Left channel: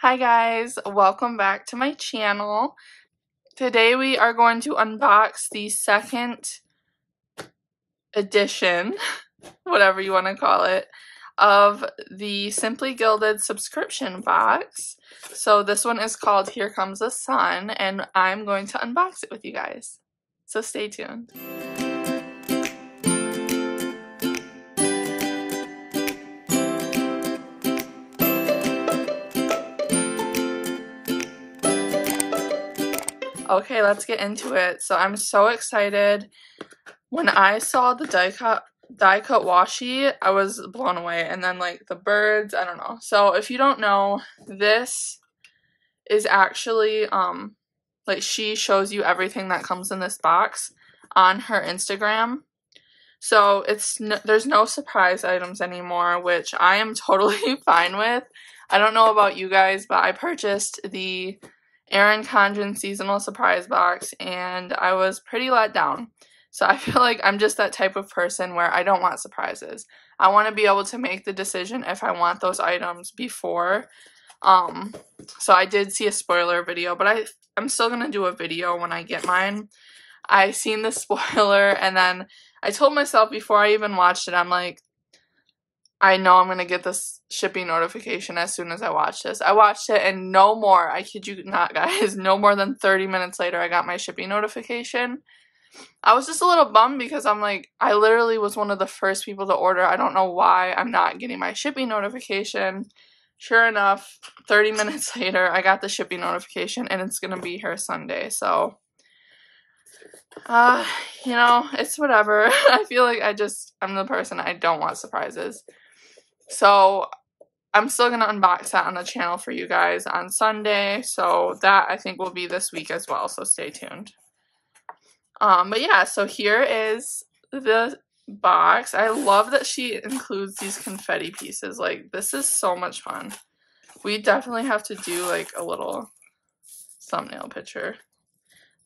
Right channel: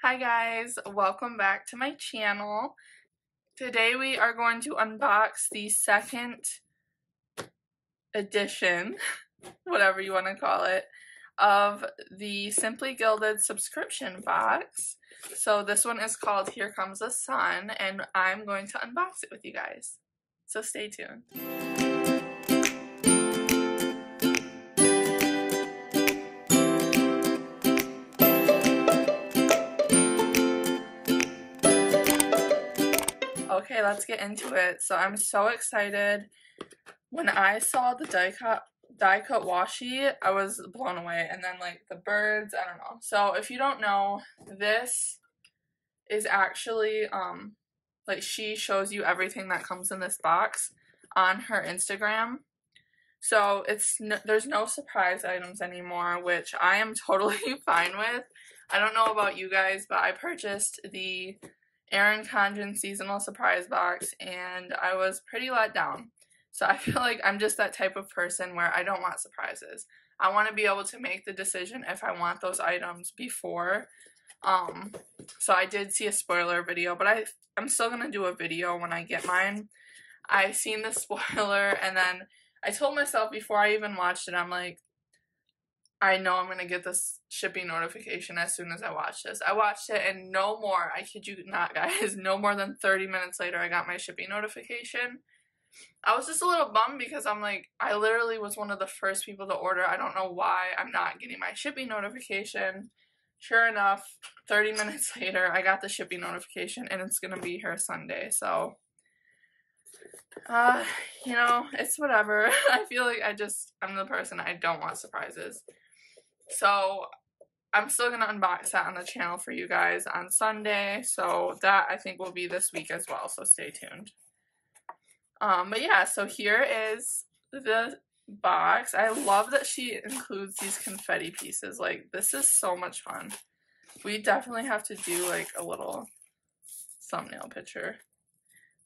Hi guys, welcome back to my channel. Today we are going to unbox the second edition, whatever you want to call it, of the Simply Gilded subscription box. So this one is called Here Comes the Sun, and I'm going to unbox it with you guys. So stay tuned. Okay, let's get into it. So I'm so excited. When I saw the die cut washi, I was blown away. And then like the birds, I don't know. So if you don't know, this is actually like she shows you everything that comes in this box on her Instagram. So there's no surprise items anymore, which I am totally fine with. I don't know about you guys, but I purchased the Erin Condren seasonal surprise box and I was pretty let down. So I feel like I'm just that type of person where I don't want surprises. I want to be able to make the decision if I want those items before. So I did see a spoiler video, but I'm still going to do a video when I get mine. I seen the spoiler and then I told myself before I even watched it, I'm like, I know I'm going to get this shipping notification as soon as I watch this. I watched it and no more, I kid you not guys, no more than 30 minutes later I got my shipping notification. I was just a little bummed because I'm like, I literally was one of the first people to order. I don't know why I'm not getting my shipping notification. Sure enough, 30 minutes later I got the shipping notification and it's going to be here Sunday. So, you know, it's whatever. I feel like I'm the person, I don't want surprises. So I'm still going to unbox that on the channel for you guys on Sunday. So that I think will be this week as well. So stay tuned. But yeah, so here is the box. I love that she includes these confetti pieces. Like, this is so much fun. We definitely have to do like a little thumbnail picture.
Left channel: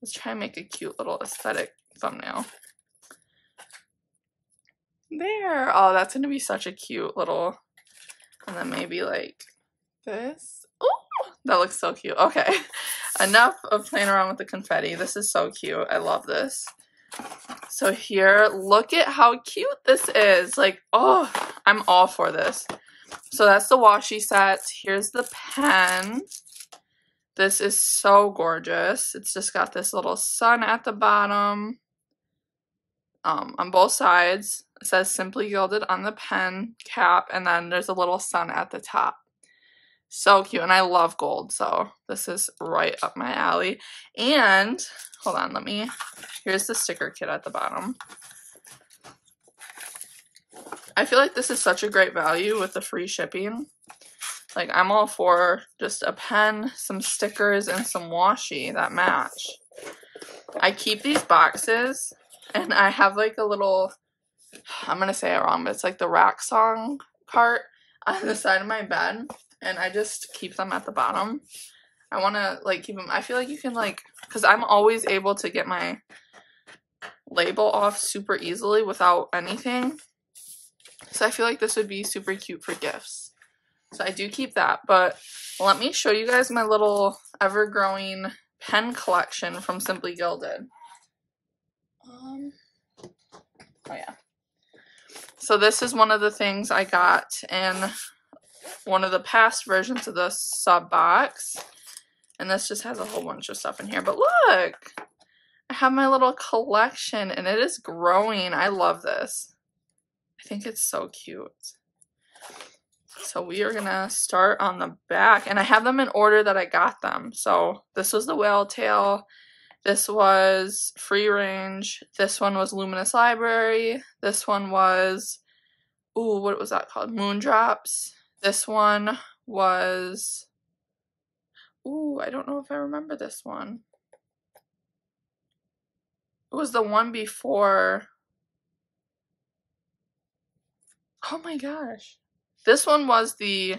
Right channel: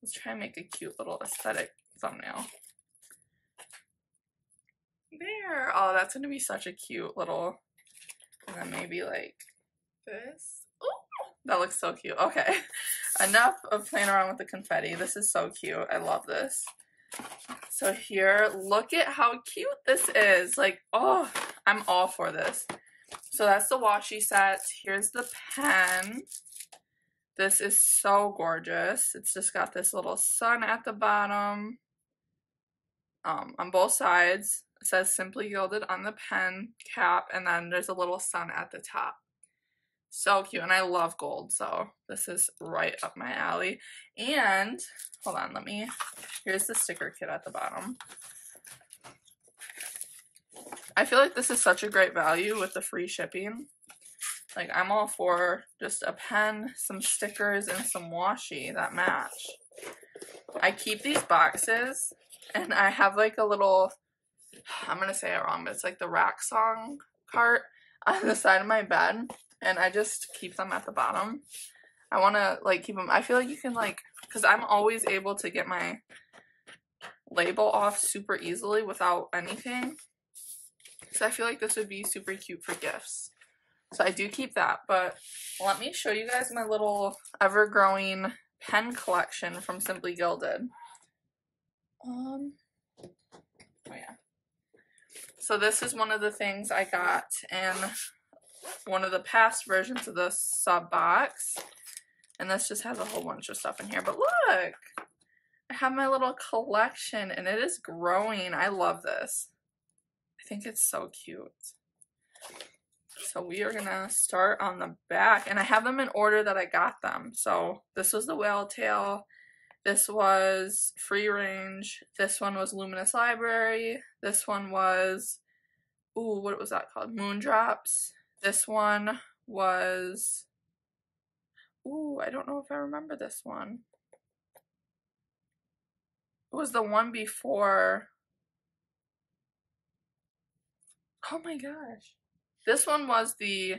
Let's try and make a cute little aesthetic thumbnail. There. Oh, that's going to be such a cute little, and then maybe like this. Oh, that looks so cute. Okay. Enough of playing around with the confetti. This is so cute. I love this. So here, look at how cute this is. Like, oh, I'm all for this. So that's the washi set. Here's the pen. This is so gorgeous. It's just got this little sun at the bottom. On both sides. It says Simply Gilded on the pen cap, and then there's a little sun at the top. So cute, and I love gold, so this is right up my alley. And, hold on, here's the sticker kit at the bottom. I feel like this is such a great value with the free shipping. Like, I'm all for just a pen, some stickers, and some washi that match. I keep these boxes, and I have like a little, I'm gonna say it wrong, but it's like the rack song cart on the side of my bed, and I just keep them at the bottom. I want to like keep them, I feel like you can like, because I'm always able to get my label off super easily without anything. So I feel like this would be super cute for gifts. So I do keep that, but let me show you guys my little ever-growing pen collection from Simply Gilded. Oh yeah. So this is one of the things I got in one of the past versions of the sub box. And this just has a whole bunch of stuff in here. But look! I have my little collection and it is growing. I love this. I think it's so cute. So we are gonna start on the back, and I have them in order that I got them. So this was the whale tail, this was free range, this one was luminous library, this one was, ooh, what was that called? Moondrops. This one was, ooh, I don't know if I remember this one. It was the one before, oh my gosh. This one was the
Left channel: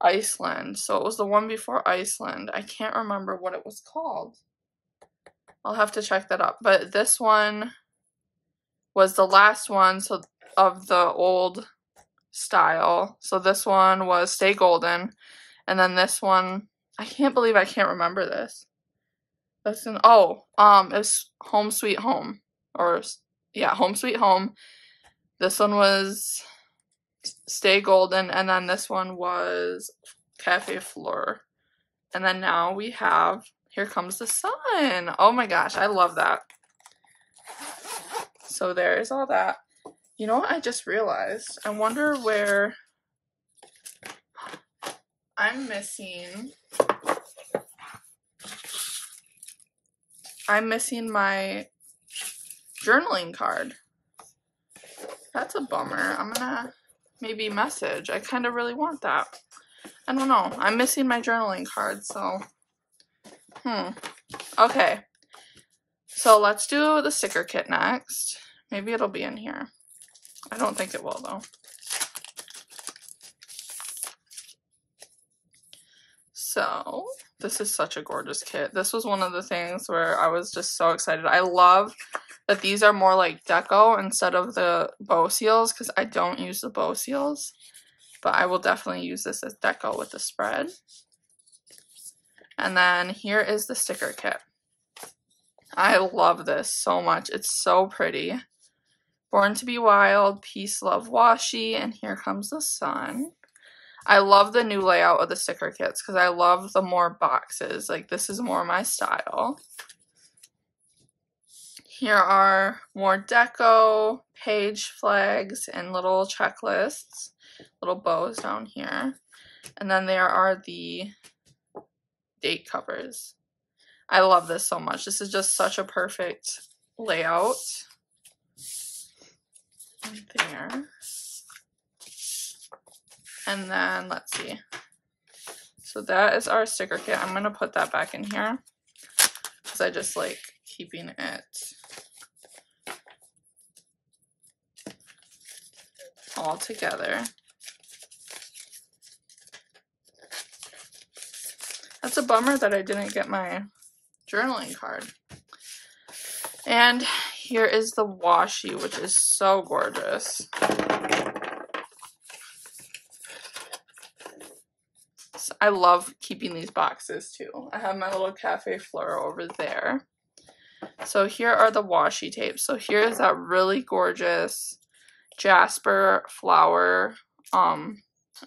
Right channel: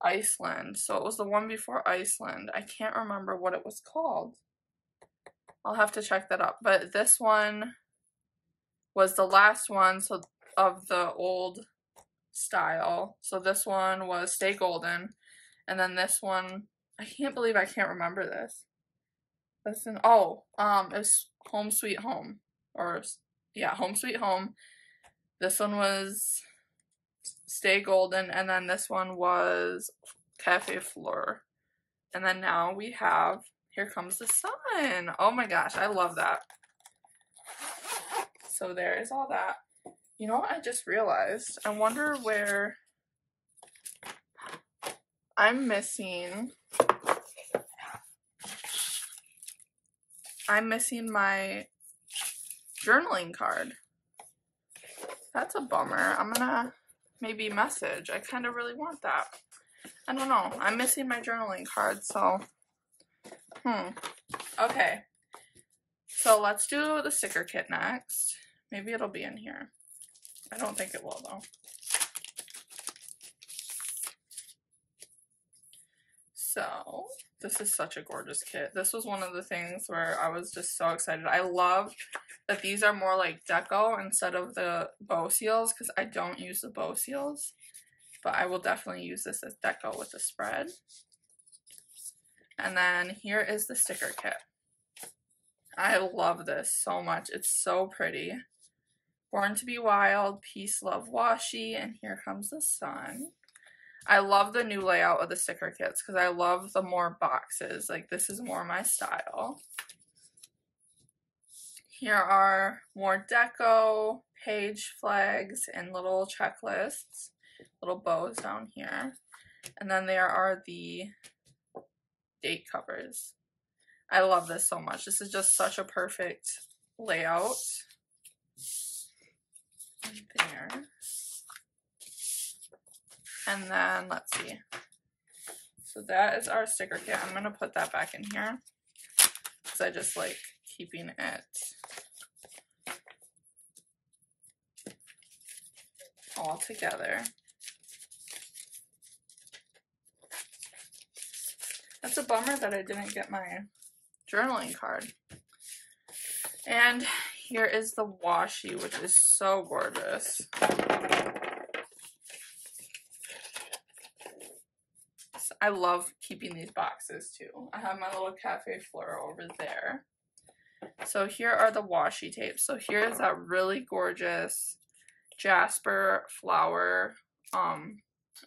Iceland. So it was the one before Iceland. I can't remember what it was called. I'll have to check that up. But this one was the last one of the old style. So this one was Stay Golden, and then this one, I can't believe I can't remember this. That's an, oh, it's Home Sweet Home, or yeah, Home Sweet Home. This one was Stay Golden, and then this one was Cafe Fleur. And then now we have Here Comes the Sun. Oh my gosh, I love that. So there's all that. You know what I just realized? I wonder where I'm missing my journaling card. That's a bummer. I'm gonna maybe message. I kind of really want that. I don't know. I'm missing my journaling card, so okay. So let's do the sticker kit next. Maybe it'll be in here. I don't think it will, though. So this is such a gorgeous kit. This was one of the things where I was just so excited. I love that these are more like deco instead of the bow seals, because I don't use the bow seals. But I will definitely use this as deco with the spread. And then here is the sticker kit. I love this so much. It's so pretty. Born to be Wild, Peace, Love, Washi, and Here Comes the Sun. I love the new layout of the sticker kits because I love the more boxes. Like, this is more my style. Here are more deco, page flags, and little checklists. Little bows down here. And then there are the date covers. I love this so much. This is just such a perfect layout. And there. And then, let's see. So that is our sticker kit. I'm going to put that back in here because I just like keeping it all together. That's a bummer that I didn't get my journaling card. And here is the washi, which is so gorgeous. I love keeping these boxes too. I have my little Cafe Fleur over there. So here are the washi tapes. So here's that really gorgeous Jasper flower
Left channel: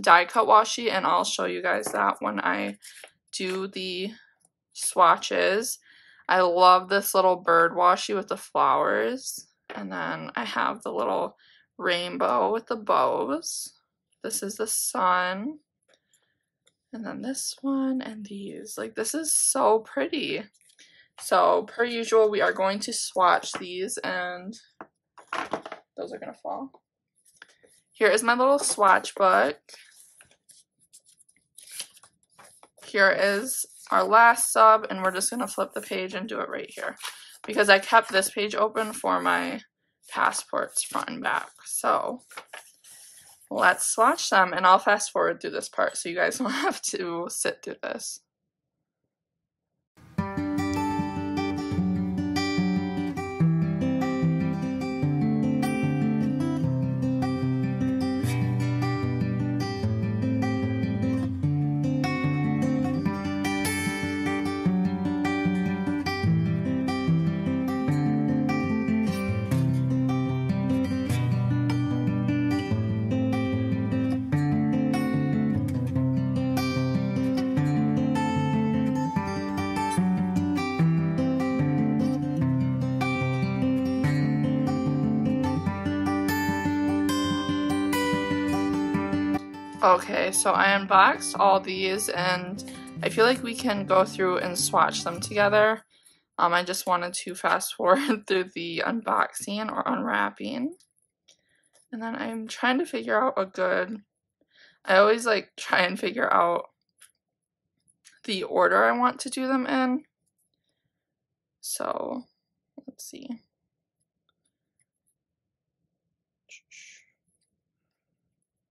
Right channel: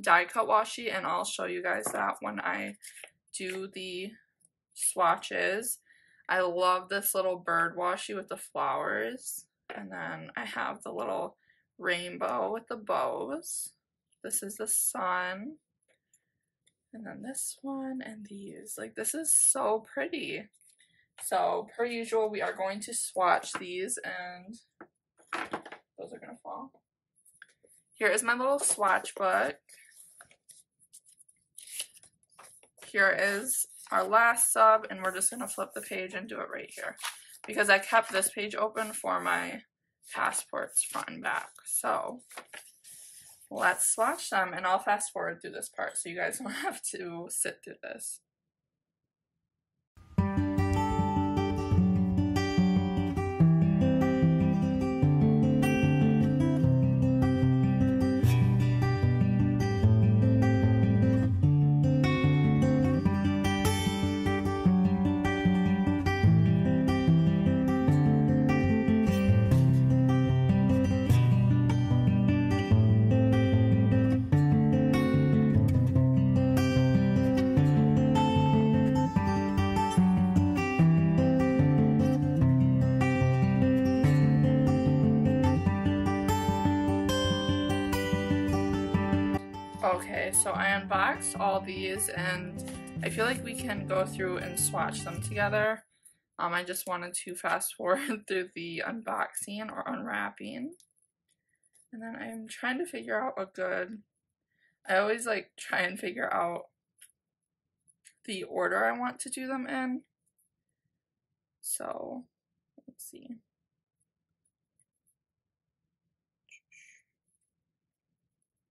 die cut washi, and I'll show you guys that when I do the swatches. I love this little bird washi with the flowers, and then I have the little rainbow with the bows. This is the sun, and then this one, and these. Like, this is so pretty. So per usual, we are going to swatch these, and those are gonna fall. Here is my little swatch book. Here is our last sub, and we're just going to flip the page and do it right here. Because I kept this page open for my passports front and back. So let's swatch them, and I'll fast forward through this part so you guys don't have to sit through this. Okay, so I unboxed all these, and I feel like we can go through and swatch them together. I just wanted to fast forward through the unboxing or unwrapping. And then I'm trying to figure out a good... I always like try and figure out the order I want to do them in. So, let's see.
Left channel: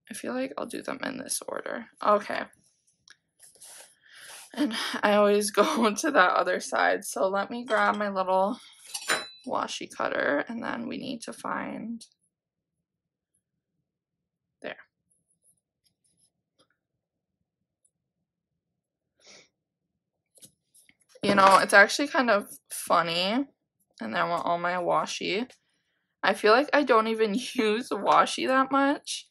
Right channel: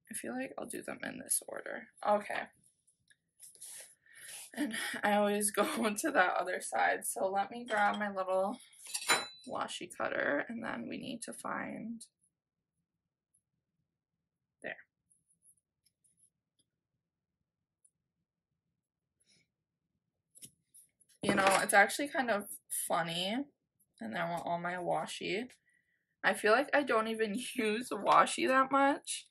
I feel like I'll do them in this order. Okay. And I always go to that other side. So let me grab my little washi cutter, and then we need to find... There. You know, it's actually kind of funny, and I want all my washi. I feel like I don't even use washi that much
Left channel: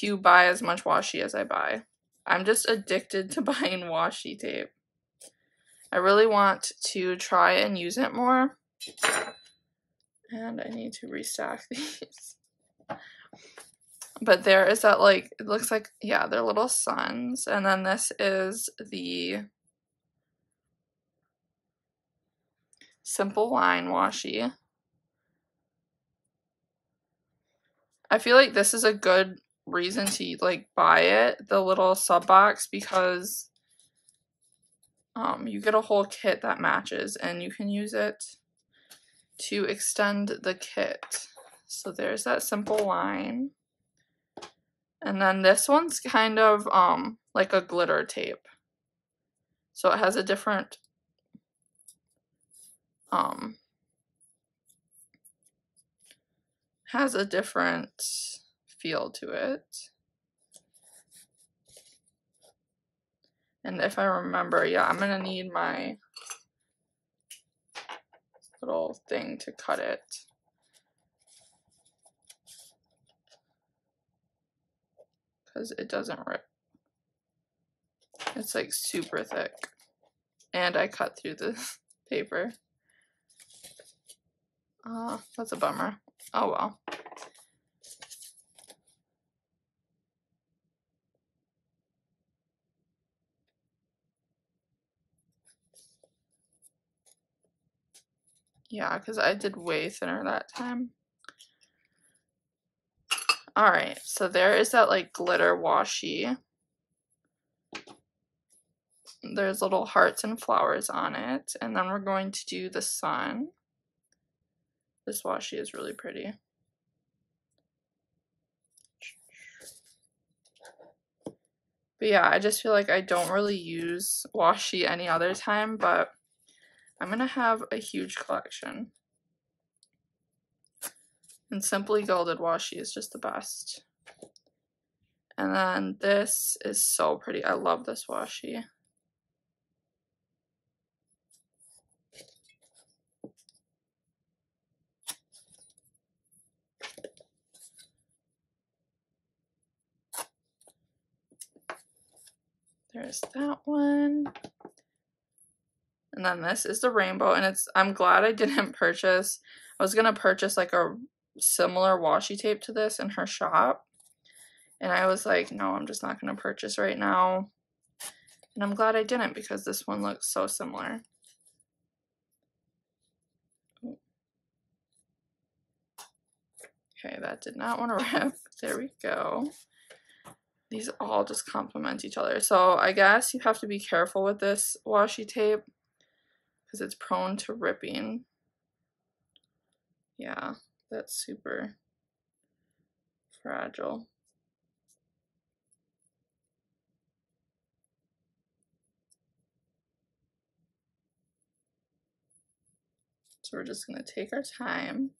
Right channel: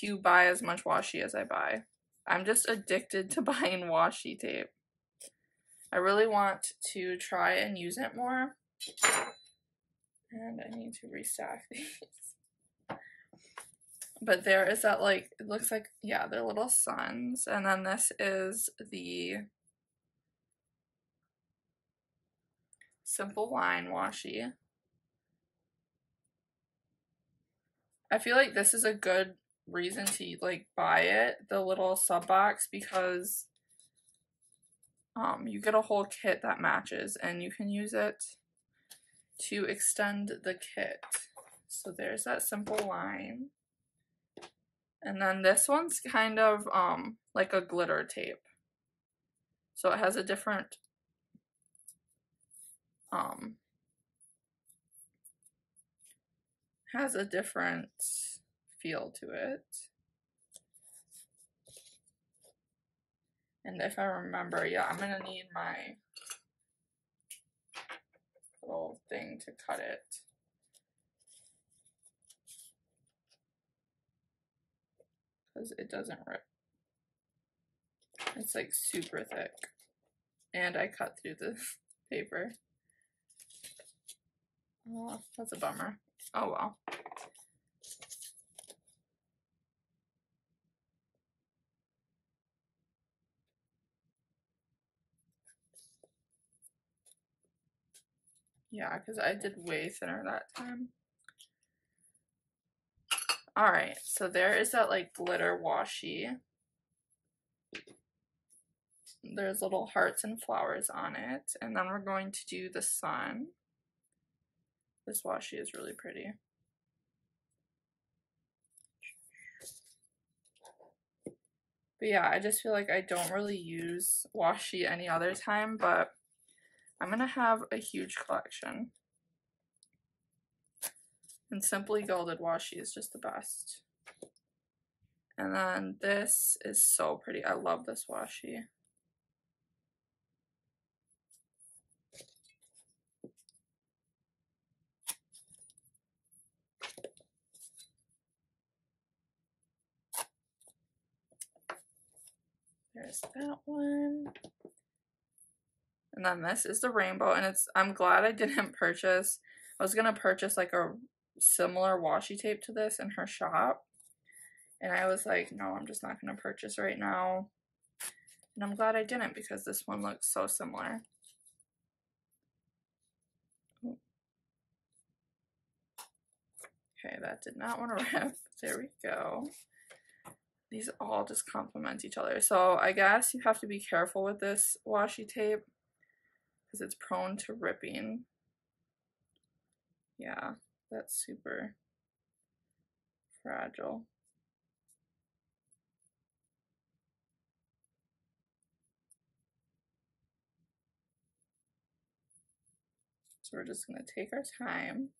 to buy as much washi as I buy. I'm just addicted to buying washi tape. I really want to try and use it more. And I need to restack these. But there is that, like, it looks like, yeah, they're little suns. And then this is the Simple Line washi. I feel like this is a good reason to, like, buy it, the little sub box, because you get a whole kit that matches, and you can use it to extend the kit. So there's that Simple Line. And then this one's kind of like a glitter tape. So it has a different feel to it. And if I remember, yeah, I'm gonna need my little thing to cut it. Because it doesn't rip. It's like super thick. And I cut through the paper. That's a bummer. Oh well. Yeah, because I did way thinner that time. Alright, so there is that, like, glitter washi. There's little hearts and flowers on it. And then we're going to do the sun. This washi is really pretty. But yeah, I just feel like I don't really use washi any other time, but I'm going to have a huge collection. And Simply Gilded washi is just the best. And then this is so pretty. I love this washi. There's that one. And then this is the rainbow, and I'm glad I didn't purchase. I was gonna purchase like a similar washi tape to this in her shop. And I was like, no, I'm just not gonna purchase right now. And I'm glad I didn't, because this one looks so similar. Okay, that did not want to rip. There we go. These all just complement each other. So I guess you have to be careful with this washi tape because it's prone to ripping. Yeah, that's super fragile. So we're just going to take our time.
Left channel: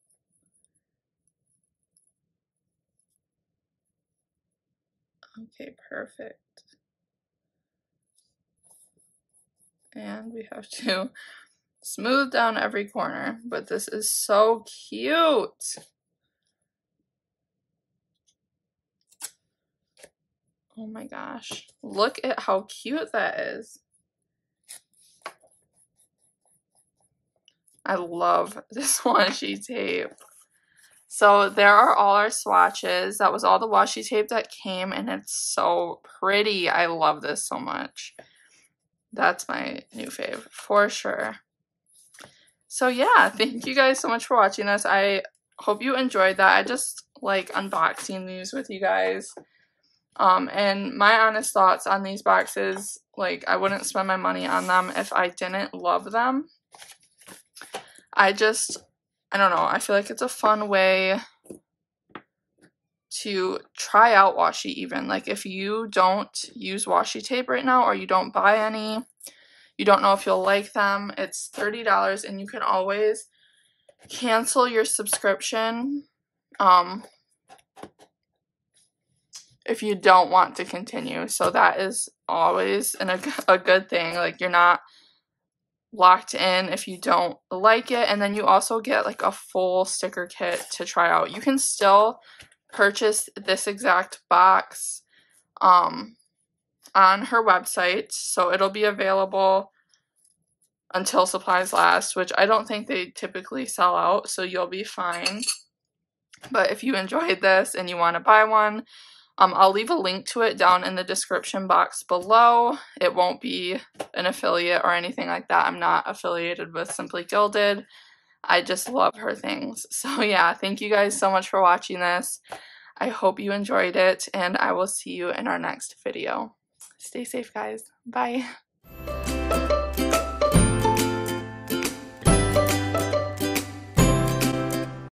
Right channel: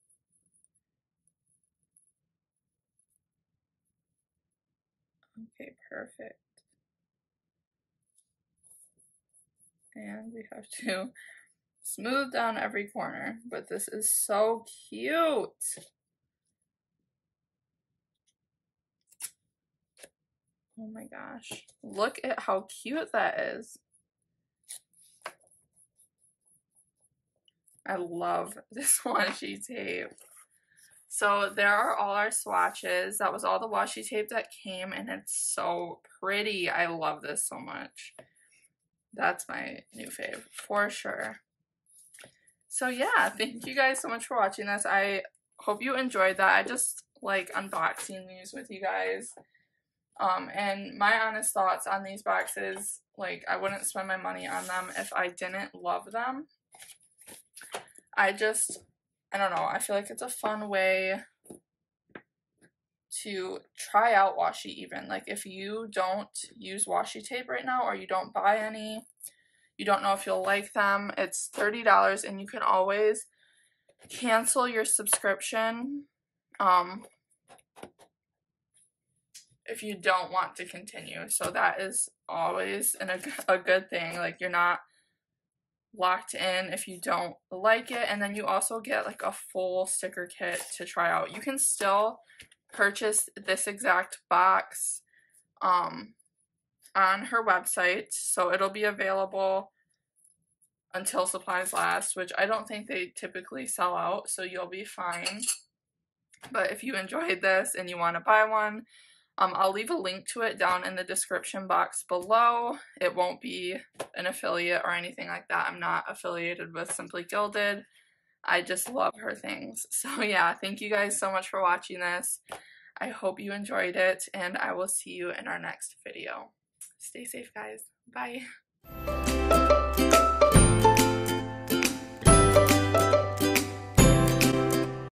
Okay, perfect. And we have to smooth down every corner, but this is so cute. Oh my gosh, look at how cute that is. I love this washi tape. So there are all our swatches. That was all the washi tape that came, and it's so pretty. I love this so much. That's my new fave for sure. So yeah, thank you guys so much for watching this. I hope you enjoyed that. I just like unboxing these with you guys. And my honest thoughts on these boxes, like, I wouldn't spend my money on them if I didn't love them. I don't know, I feel like it's a fun way to try out washi even. Like, if you don't use washi tape right now, or you don't buy any, you don't know if you'll like them, it's $30, and you can always cancel your subscription if you don't want to continue. So that is always a good thing. Like, you're not locked in if you don't like it. And then you also get like a full sticker kit to try out. You can still purchase this exact box on her website, so it'll be available until supplies last, which I don't think they typically sell out, so you'll be fine. But if you enjoyed this and you want to buy one, I'll leave a link to it down in the description box below. It won't be an affiliate or anything like that. I'm not affiliated with Simply Gilded. I just love her things. So yeah, thank you guys so much for watching this. I hope you enjoyed it, and I will see you in our next video. Stay safe, guys. Bye.